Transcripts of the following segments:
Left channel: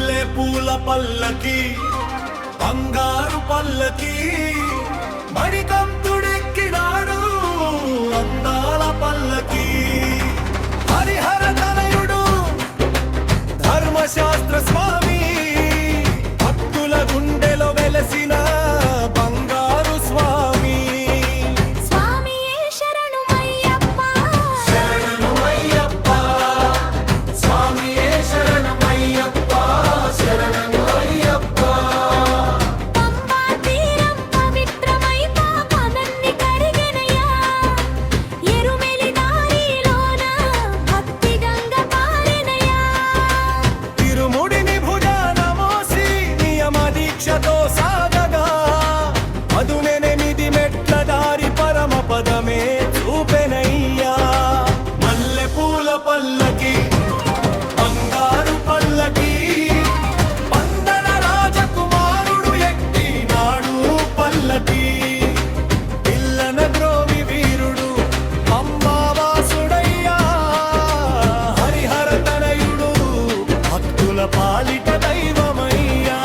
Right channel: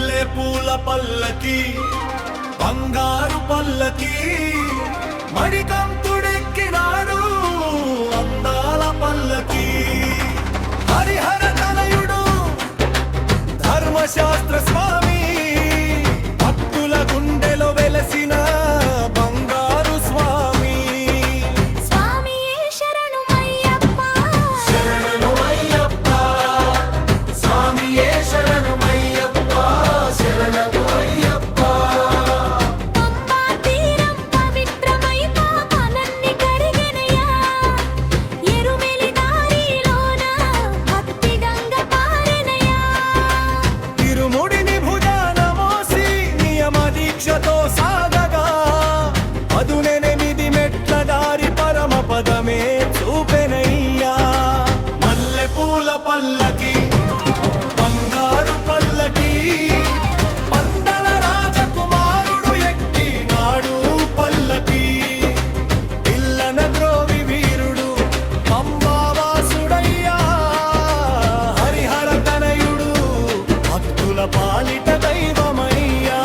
మల్లె పూల పల్లకి బంగారు పల్లకి మణికంఠుడెక్కినాడు అందాల పల్లకి హరిహర తనయుడు ధర్మశాస్త్ర స్వామి భక్తుల గుండెలో వెలసిన బంగారు స్వామి దీక్షతో సాగగా అదునెనిమిది మెట్ల దారి పరమ పదమే చూపెనయ్యా మల్లె పూల పల్లకి బంగారు పల్లకి పందల రాజకుమారుడు ఎక్కినాడు పల్లకి పిల్లన గ్రోవి వీరుడు అంబావాసుడయ్యా హరిహర తనయుడు భక్తుల పాలిట దైవమయ్యా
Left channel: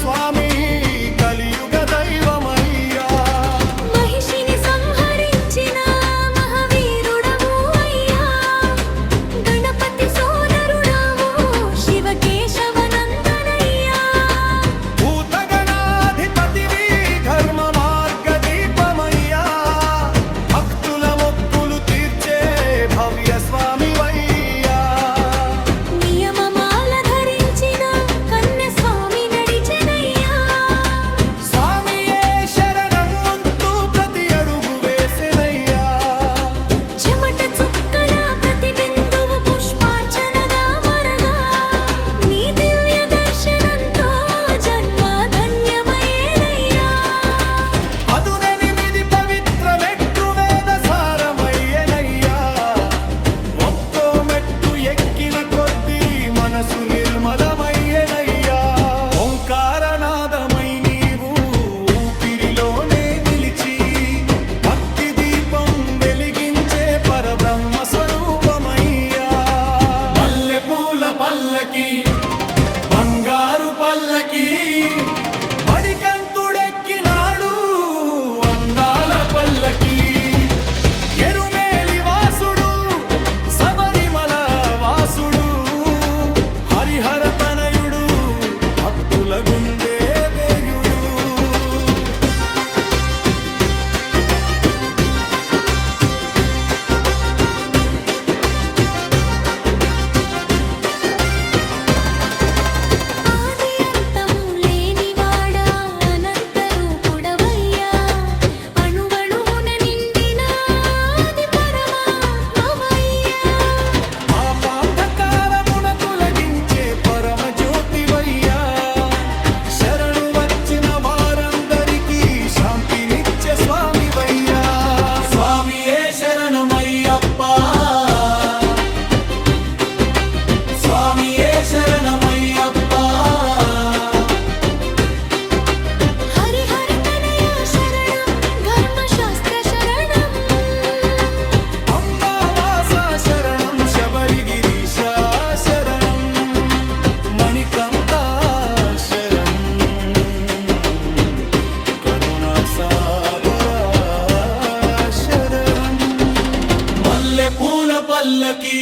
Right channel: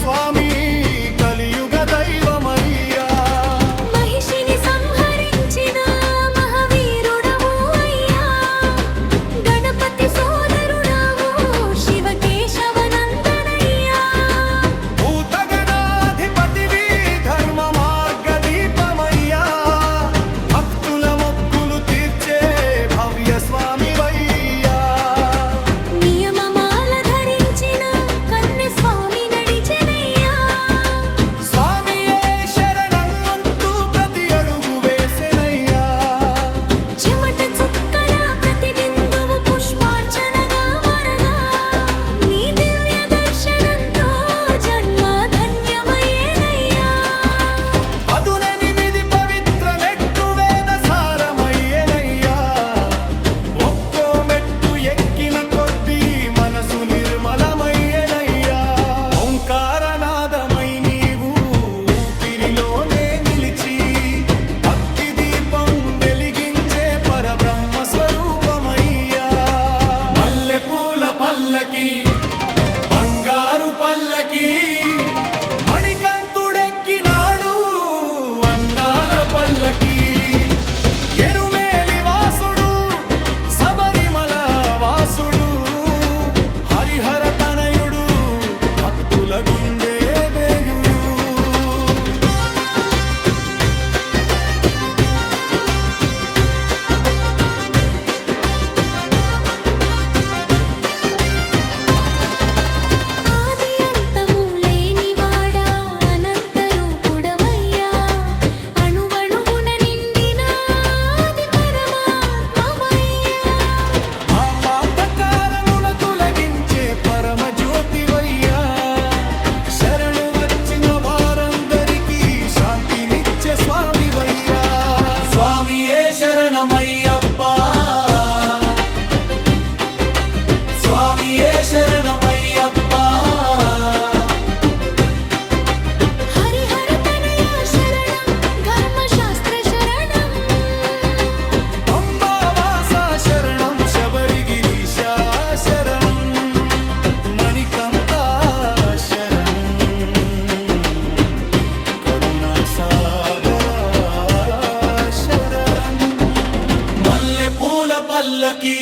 స్వామి కలియుగ దైవమయ్యా మహిషిని సంహరించిన మహావీరుడవు అయ్యా గణపతి సోదరుడవు శివకేశవనందనయ్యా భూతగణాధిపతివి ధర్మ మార్గ దీపమయ్యా భక్తుల మొక్కులు తీర్చే భవ్య స్వామి వయ్యా మనసు నిర్మలమయ్యనయ్యా ఓంకారనాదమై నీవు ఊపిరిలోనే నిలిచి భక్తి దీపం వెలిగించే పరబ్రహ్మ స్వరూపమయ్యా మల్లె పూల పల్లకి బంగారు పల్లకి మణికంఠుడెక్కినాడు అందాల పల్లకి ఎరుమేలి వాసుడు శబరిమల వాసుడు హరిహర తనయుడు భక్తుల గుండె వేయుడు ఆది అంతము లేనివాడా అనంత రూపుడవయ్యా అణువణువున నిండిన ఆది పరమాత్మవయ్యా పాపాంధకారమున తొలగించే పరమ జ్యోతివయ్యా శరణు వచ్చిన వారందరికీ శాంతినిచ్చే స్వామివయ్యా స్వామియే శరణమయ్యప్ప స్వామియే శరణమయ్యప్ప హరిహర తనయ శరణం ధర్మశాస్త్ర శరణం అంబావాస శరణం శబరిగిరీశ శరణం మణికంఠ శరణం కరుణా సాగర శరణం మల్లె పూల పల్లకి